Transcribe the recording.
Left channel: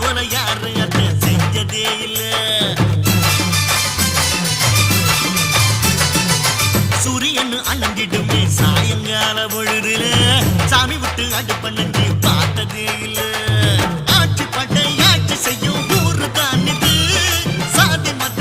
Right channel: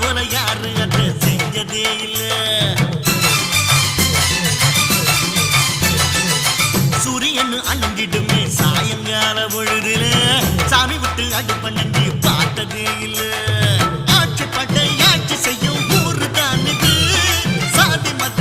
போல யாரு அத செஞ்சதே இல்ல. சூரியன் அணங்கிடுமே சாயங்கால பொழுதுல சாமி விட்டு அடுப்ப நன்றி பார்த்ததே இல்ல. ஆட்சி பட்டை ஆட்சி செய்யும் ஊரு தான் இது. சாதி மத